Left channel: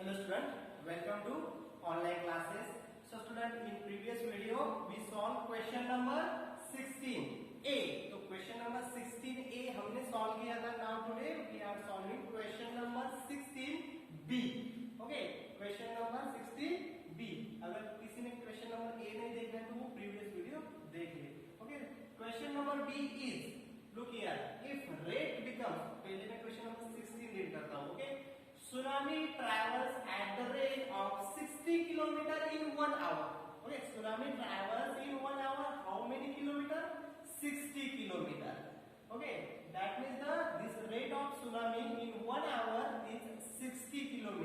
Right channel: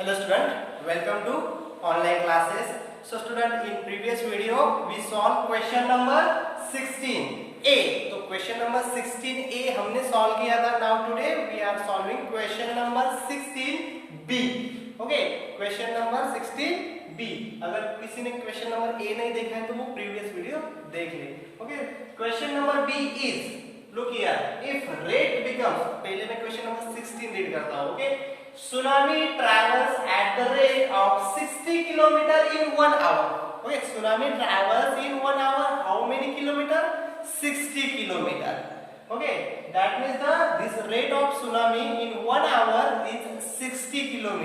Hello student, welcome to online classes. So student, in previous video we solved question number 16A. तो question number 16A हमने solve किया था. Now today we are solving question number 16B. Okay, question number 16B. अगर किसी ने question number A नहीं देखा है तो वो previous video देख ले. Okay, question number B is, look here, if rate becomes, पहले मैं question number 16 read करता हूँ. Okay, tsunami travels at the rate of 60 km in 1 hour. Okay, tsunami travels in 1 hour how many kilometer? 60 km. Okay, that means this rate of tsunami in 1 hour is 60 km.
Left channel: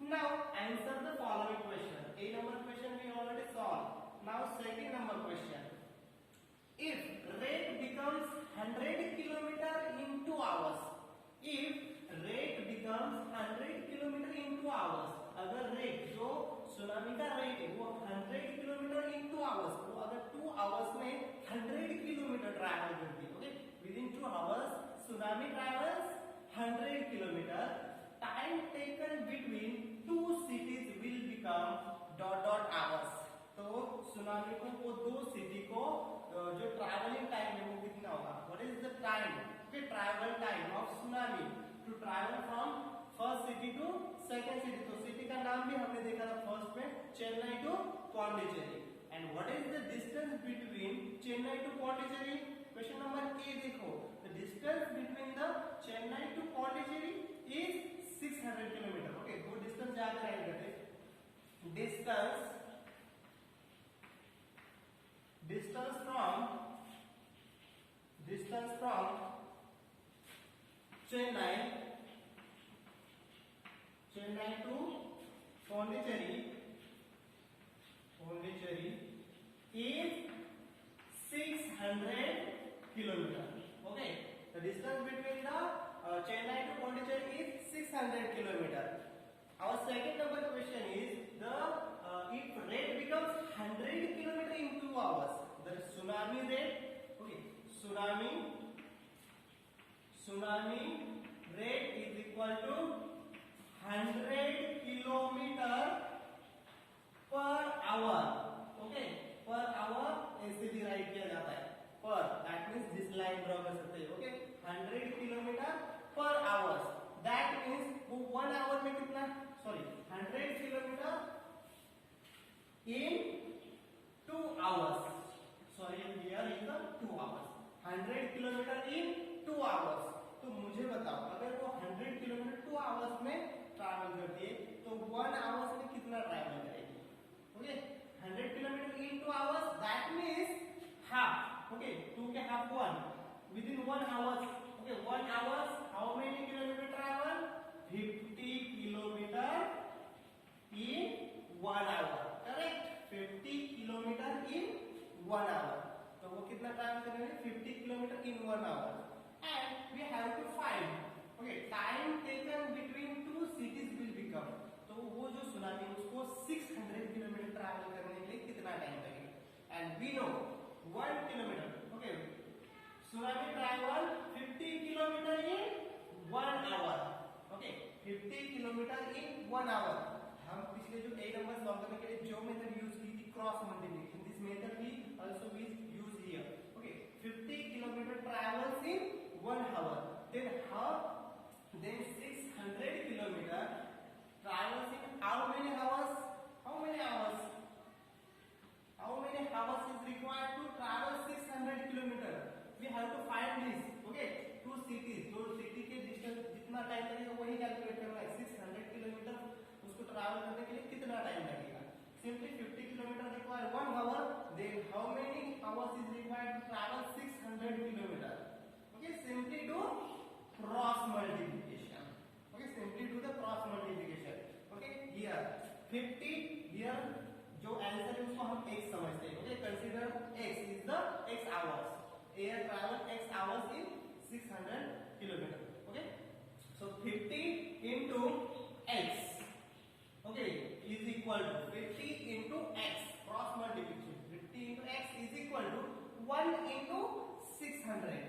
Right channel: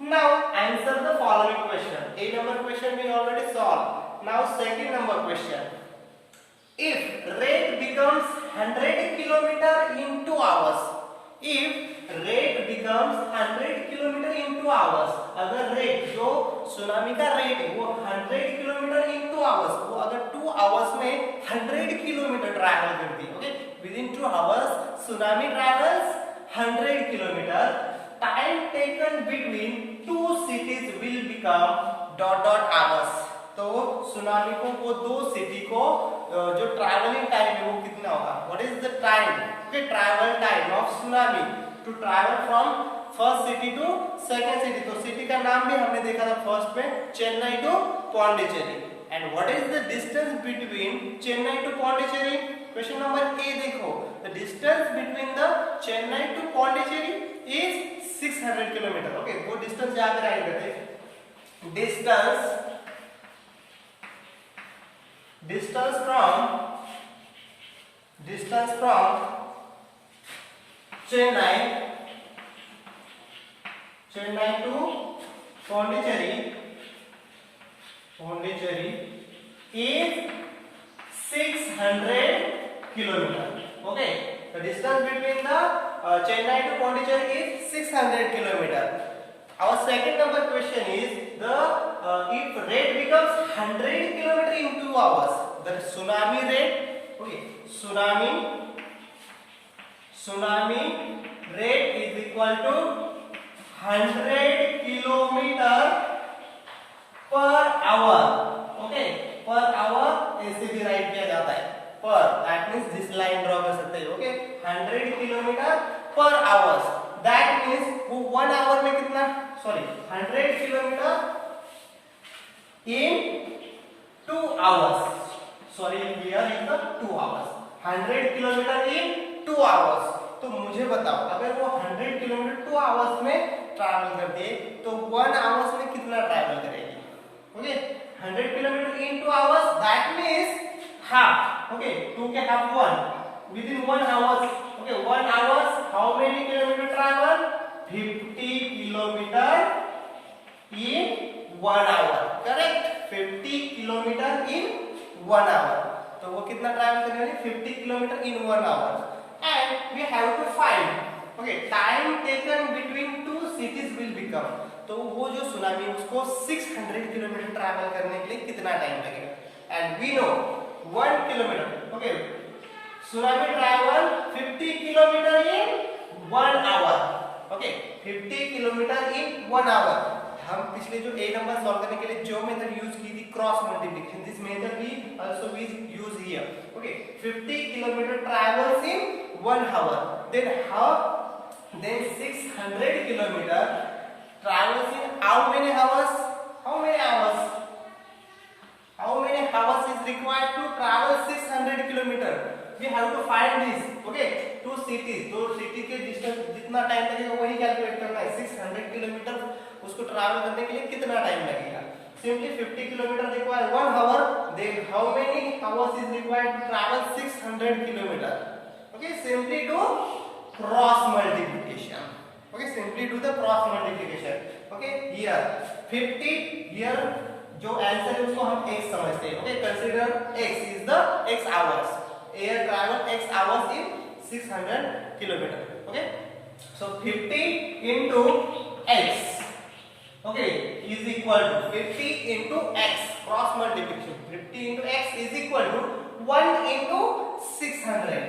Now answer the following question. A number question we already solved. Now second number question. If rate becomes 100 km in 2 hours, if rate becomes 100 kilometre in 2 hours, अगर rate जो tsunami का rate है वो 100 kilometre in 2 hours, वो अगर 2 hours में 100 kilometre travel करती है, okay, with in 2 hours tsunami travels 100 kilometre, time taken between 2 cities will become dot dot hours. तो सुनामी को वो दो सिटी को जो ट्रैवलिंग टाइम है वो कितना होगा? What is the time, okay, travel time of tsunami to travel from first city to second city. तो सिटी का नाम भी हमने देखा था फर्स्ट में, Chennai to Pondicherry. And what is the distance between Chennai to Pondicherry? Question number A देखो, the distance between the Chennai to Pondicherry is 600 kilometre. Okay, वो डिस्टेंस यहां पे राइट करते हैं. Distance from Chennai to Pondicherry is 600 kilometer. Okay, the distance between the Chennai to Pondicherry is 600 kilometer. Our second number question is the if rate becomes 100 kilometer in 2 hours, the tsunami rate, okay, tsunami rate is equal to 100 kilometer per hour. Okay, per hour ऐसे भी right किया जाता है, per, that means this line draw कर सकते हैं. Okay, 100 kilometre per hours, that means वो 1 hour में कितना, sorry 100 kilometre in 2 hours, sorry here is the 2 hours, 100 kilometre in 2 hours. तो मुझे बताओ अगर वो 100 किलोमीटर 2 आवर्स में ट्रैवल करती है तो 1 आवर्स में कितना ट्रैवल करेगी? Okay, 100 kilometre in 2 hours, that means half. Okay, 2 के half 1 within 1 hours. Okay, 1 hours how many kilometre travel? 50 kilometre in 1 hour. Correct, 50 kilometre in 1 hour. तो वो कितना ट्रैवल करेगी? 50 kilometre in 1 hour. And we have to find, okay, time taken between 2 cities will become. तो वो जो tsunami उसको 600 kilometre travel करने के लिए कितना टाइम लगेगा? And we know 1 kilometre, okay, tsunami travel 50 kilometre in 1 hour. Okay, 50 kilometre in 1 hour. हम पिछले जो ए नंबर सॉल्व करने के लिए जो मेथड यूज की थी, cross multiplication, this method we also we use here. Okay, 50 kilometre travels in 1 hour. Then 600 kilometer travels in how many hours? How many hours is required to travel 600 kilometer? We have to find this. Okay, two cities, दो city के distance जितना time लगेगा वही calculate करना है. 600 kilometre उसको travel करने के लिए कितना टाइम लगेगा? Simply 50 kilometer require 1 hour. Then how many hours is required to travel 600 kilometer? Okay, simply do cross multiplication. Okay, simply do the cross multiplication. Okay, here 50, here जो answer है उसको हम x समझते हैं. Okay, consider x is the x hours. Air travel x hours in 600 kilometer. Okay, so 50 into x, okay, is equal to 50 into x, cross multiplication. 50 into x is equal to 1 into 600.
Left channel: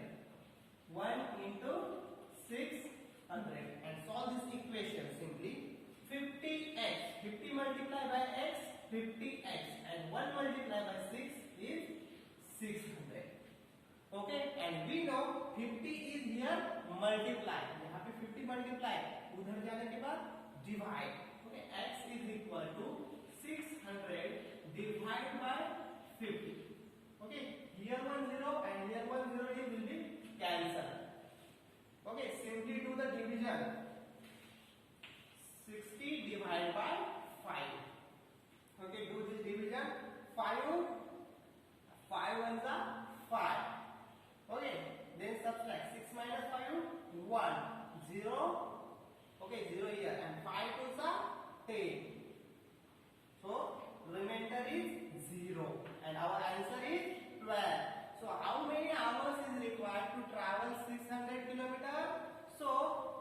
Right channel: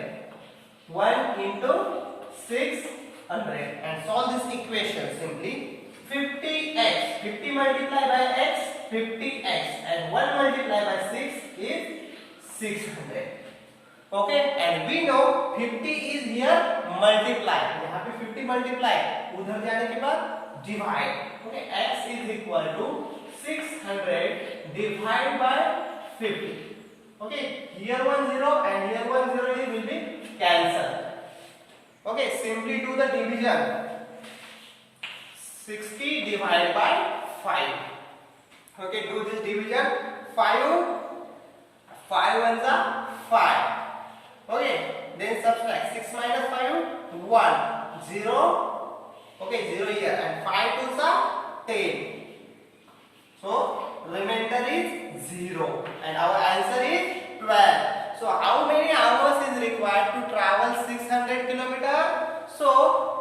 1 into 600 and solve this equation simply. 50x. 50 multiplied by x, 50x, and 1 multiplied by 6 is 600. Okay, and we know 50 is here multiply. यहाँ पे 50 multiply, उधर जाने के बाद divide. Okay, x is equal to 600 divided by 50. Okay, here 1 0 and here 1 0 will be cancelled. Okay, simply do the division. 60 divided by 5. Okay, do this division. 5 ones are 5. Okay, then subtract 6 minus 5 1 0. Okay, 0 here, and 5 twos are 10. So remainder is 0, and our answer is 12. So how many hours is required to travel 600 kilometers? So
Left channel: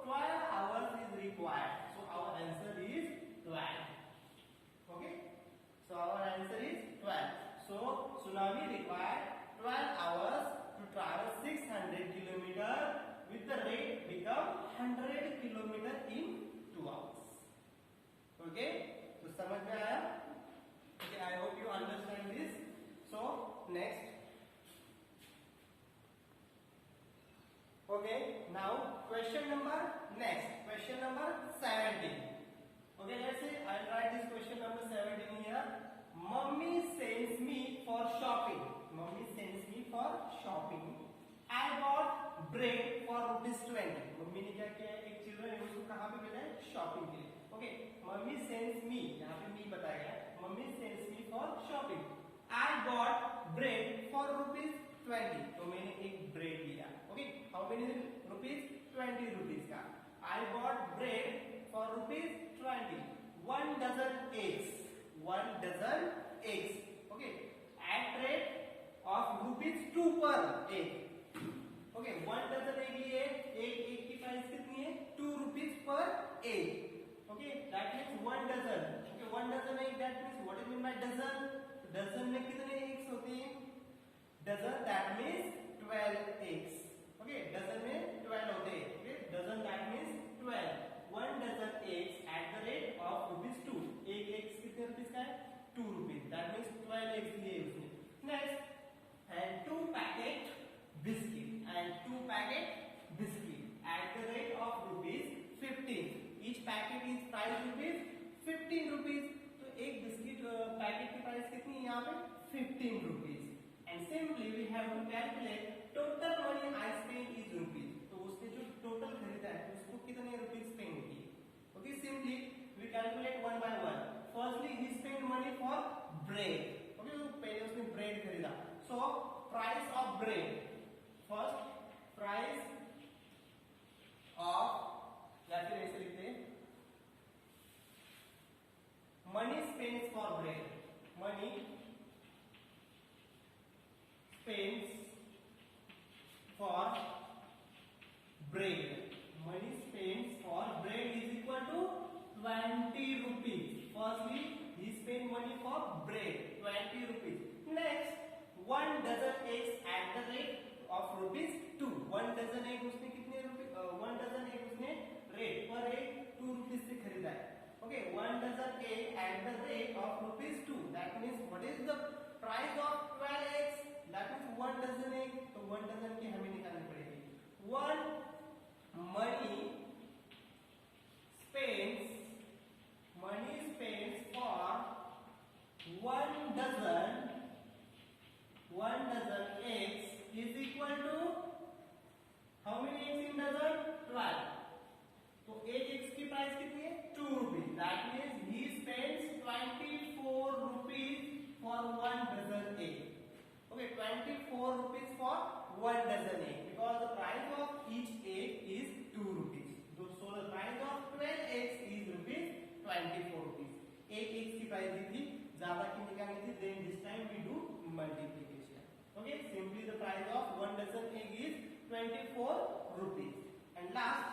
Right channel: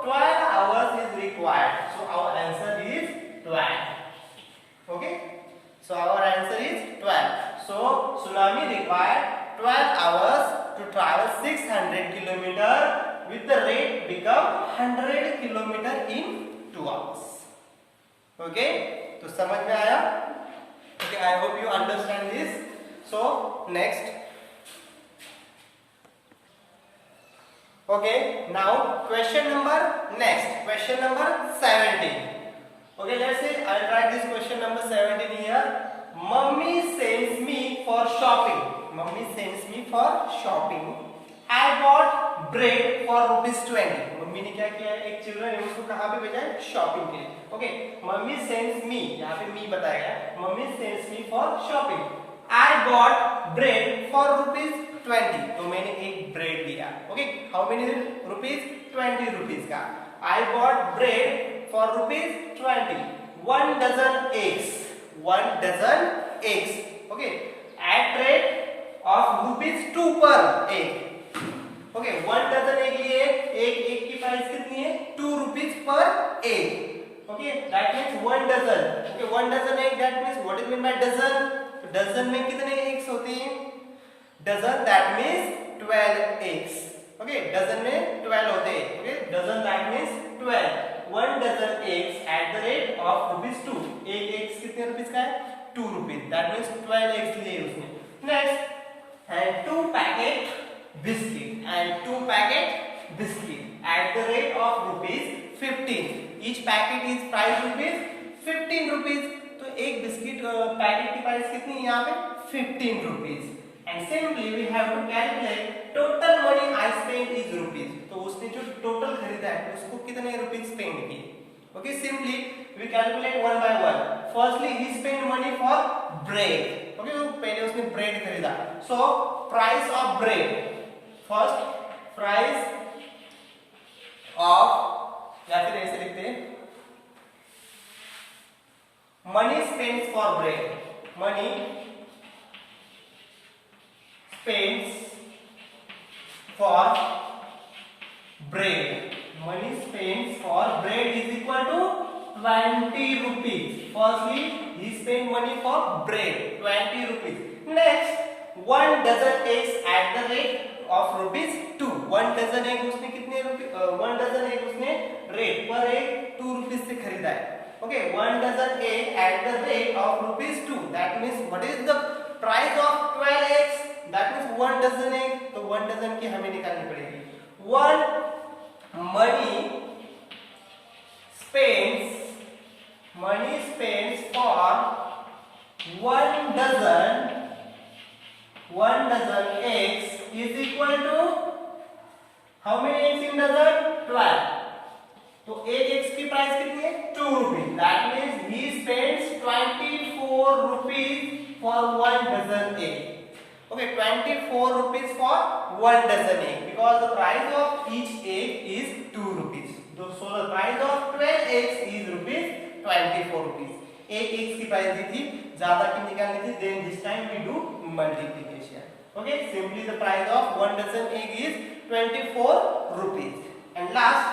12 hours is required. So our answer is 12. Okay, so our answer is 12. So tsunami required 12 hours to travel 600 kilometer, with the rate become 100 kilometer in 2 hours. Okay, तो समझ में आया? Okay, I hope you understand this. So next. Okay, now question number 17. Okay, let's say I'll write this question number 17 here. Mummy sends me for shopping. Mummy sends me for shopping. I bought bread for ₹20. Mummy ने क्या किया है, एक children है उसको कहाँ पे भेजा है, शॉपिंग के लिए. ओके, मम्मी सेंड्स मी, यहाँ पे मी बताया गया, mummy sends me for shopping. I bought bread for ₹20. तो मैंने एक ब्रेड लिया. Okay, how many rupees, 20 rupees का. I bought bread for ₹20. 1 dozen eggs. 1 dozen eggs. Okay, at rate of ₹2 per egg. Okay, 1 dozen egg लिए, एक की price कितनी है, 2 rupees per egg. Okay, that means 1 dozen. Okay, 1 dozen egg, that means what is meant by dozen? Dozen में कितने eggs होते हैं, dozen that means 12 eggs. Okay, dozen में 12 होते हैं. Okay, dozen that means 12. 1 dozen eggs at the rate of ₹2. एक eggs कितने rupees का है, 2 rupees. That means 12 eggs लिए उसने. Next, and 2 packet biscuit at the rate of ₹15. Each packet is price ₹15. तो एक बिस्किट पैकेट की प्राइस कितनी है यहाँ पे, 15 rupees. And simply we have to calculate total money I spent is rupees. तो उसने जो टोटल खरीदा है उसको कितने रुपीस स्पेंड किए. Okay, simply we calculate one by one. Firstly he spent money for bread. Okay, तो पहले उसने ब्रेड खरीदा. So price of bread, first price of, या फिर ऐसे लिखते हैं, money spent for bread. Money spent for bread. Money spent for bread is equal to 20 rupees. Firstly, he spent money for bread, 20 rupees. Next, 1 dozen eggs at the rate of ₹2. 1 dozen egg उसने कितने रुपए, 1 dozen egg उसने rate पर egg 2 rupees से खरीदा है. Okay, 1 dozen egg at the rate of ₹2. That means what is the price of 12 eggs? That means 1 dozen egg. तो 1 dozen की हमें निकालनी पड़ेगी. 1 money spends for 1 dozen eggs is equal to how many eggs in dozen? 12. तो एक eggs की price कितनी है, 2 rupees. That means he spends 24 rupees for 1 dozen egg. Okay, 24 rupees for 1 dozen egg, because the price of each egg is 2 rupees. So the price of 12 eggs is ₹24. एक eggs की price दी थी, ज्यादा की निकालनी थी, then this time we do multiplication. Okay, simply the price of 1 dozen egg is 24 rupees. And last,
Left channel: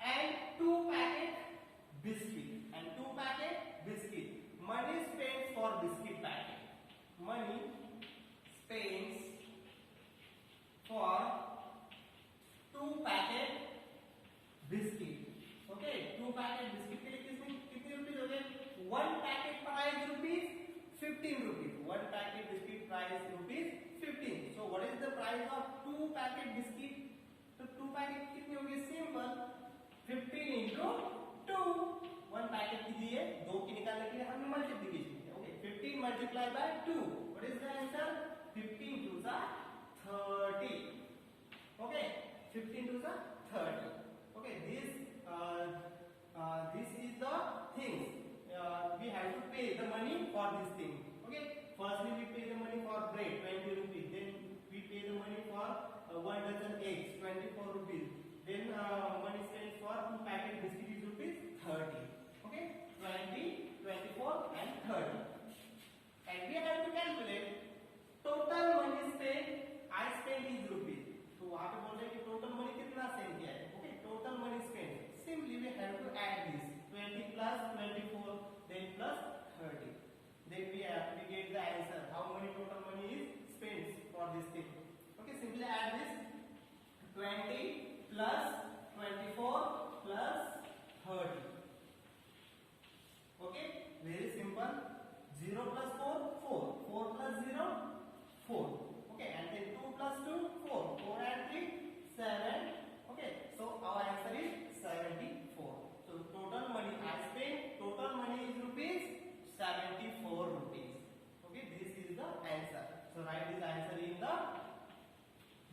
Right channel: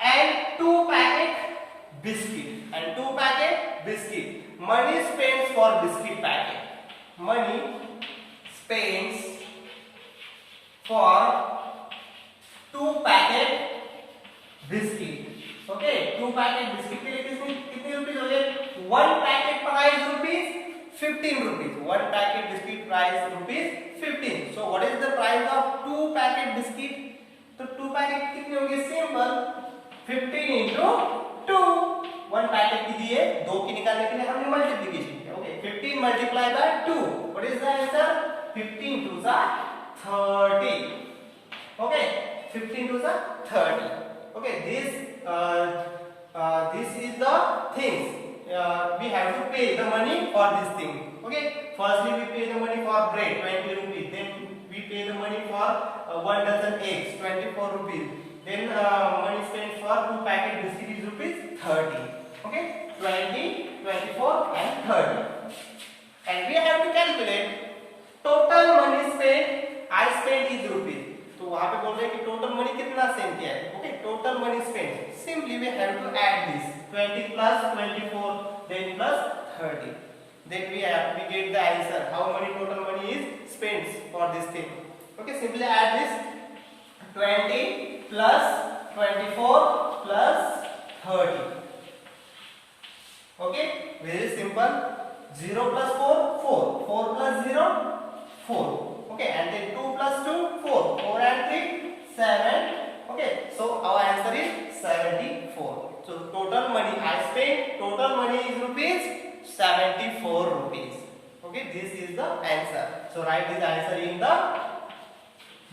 and 2 packet biscuit. Money spent for biscuit packet. Money spends for 2 packet biscuit. Okay, 2 packet biscuit के लिए कितने rupees हो गए? 1 packet price rupees 15 rupees. 1 packet biscuit price rupees 15. So what is the price of 2 packet biscuit? तो 2 packet कितने होंगे? Simple 15 into 2. 1 packet की दिए, 2 की निकालने के लिए हमने मल्टीप्लिकेशन किया. Okay, 15 multiply by 2. What is the answer? 15 2 सा 30. ओके, 15 2 सा 30. Okay, this is the things we have to pay the money for this thing. Okay, firstly we pay the money for bread 20 rupees, then we pay the money for 1 dozen eggs 24 rupees, then money spent for 2 packet biscuit is rupees 30. Okay, 20 24 and 30, and we have to calculate total money spent. I spent is rupees, तो वहां पे बोल रहे हैं कि total money कितना spend किया है. Okay, total money spend, simply we have to add this 20 plus 24 then plus 30, then we get the answer how many total money is spent for this thing. Okay, simply add this 20 plus 24 plus 30. Okay, very simple. 0 plus 4 4, 4 plus 0 4. Okay, and then 2 plus 2 4, 4 and 3 7. Okay, so our answer is 74. So total money I spent, total money is rupees 74 rupees. Okay, this is the answer. So write this answer in the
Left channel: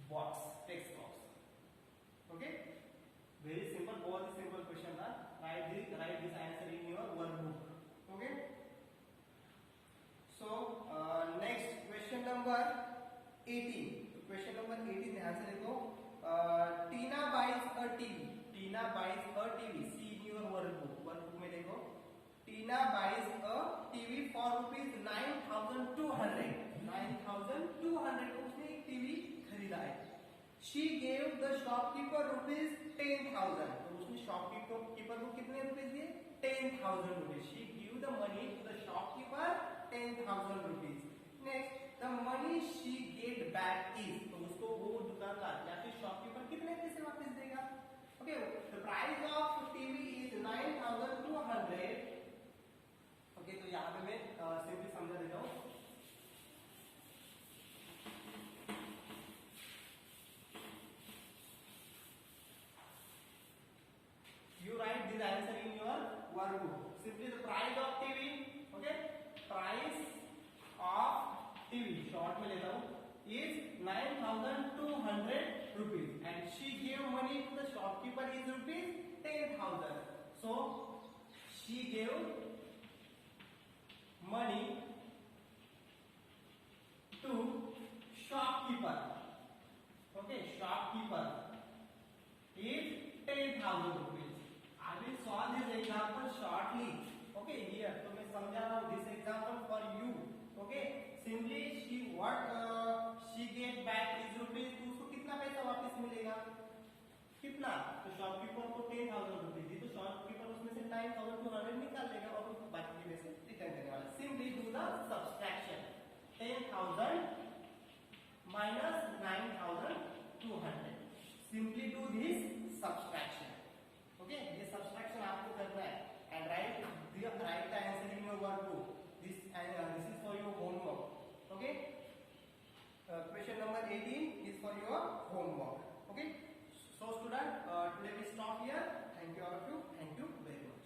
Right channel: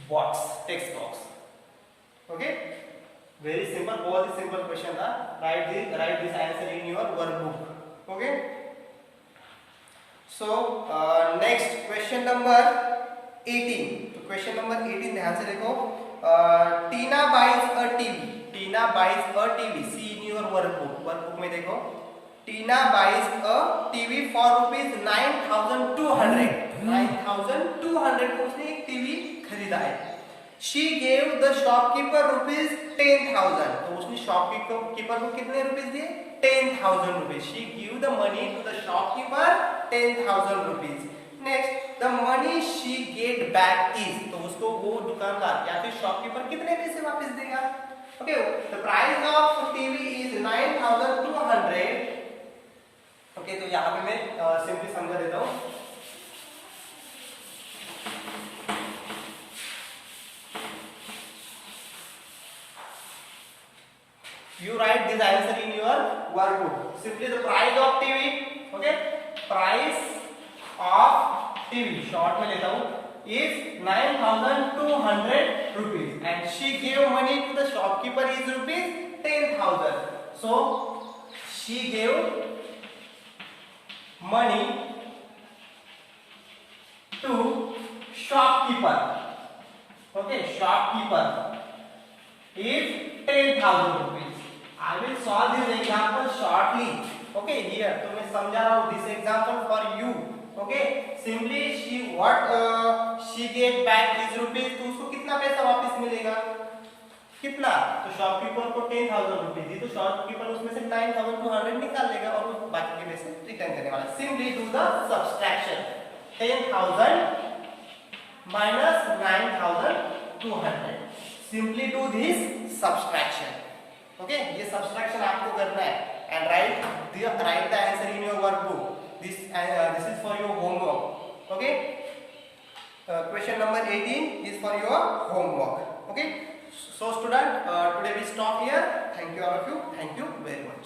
box, text box. Okay, very simple, बहुत ही simple question था. Write this answer in your workbook. Okay, so next question number 18. तो question number 18 ध्यान से देखो. Tina buys a TV. Tina buys a TV. See in your workbook. Workbook में देखो. Tina buys a TV for rupees 9,200. 9,200 को उसने एक TV खरीदा है. She gave the shopkeeper rupees 10,000. तो उसने शॉपकीपर को कितने रुपीस दिए? 10,000 rupees. She gave the money to the shopkeeper 10,000 rupees. Next, the money she get back is, तो उसको वो दुकानदार या फिर शॉपकीपर कितने पैसे वापस देगा? Okay, the price of TV is 9,200. Okay, तो यहाँ पे मैं सिंपली समझा देता हूँ. You write this answer in your workbook. Simply the price of TV. Okay, price of TV, short में लेता हूँ, is 9,200 rupees, and she gave money to the shopkeeper is rupees 10,000. So she gave money to shopkeeper. Okay, shopkeeper is 10,000 rupees. I will solve this example shortly. Okay, here तो मैं समझा रहा हूँ this example for you. Okay, simply she get back is rupees. तो उसको कितना पैसा वापस मिलेगा? कितना? तो शॉपकीपर को 10,000 रुपीज दी, तो शॉपकीपर उसमें से 9,200 निकाल लेगा और उस बाकी के पैसे रिटर्न करने वाला. Simply do the subtraction. 10,000 minus 9,200. Simply do this subtraction. Okay, ये subtraction आपको करना है, and write the answer in your workbook. This is for your homework. Okay, question number 18 is for your homework. Okay, so student, today we stop here. Thank you all of you. Thank you very much.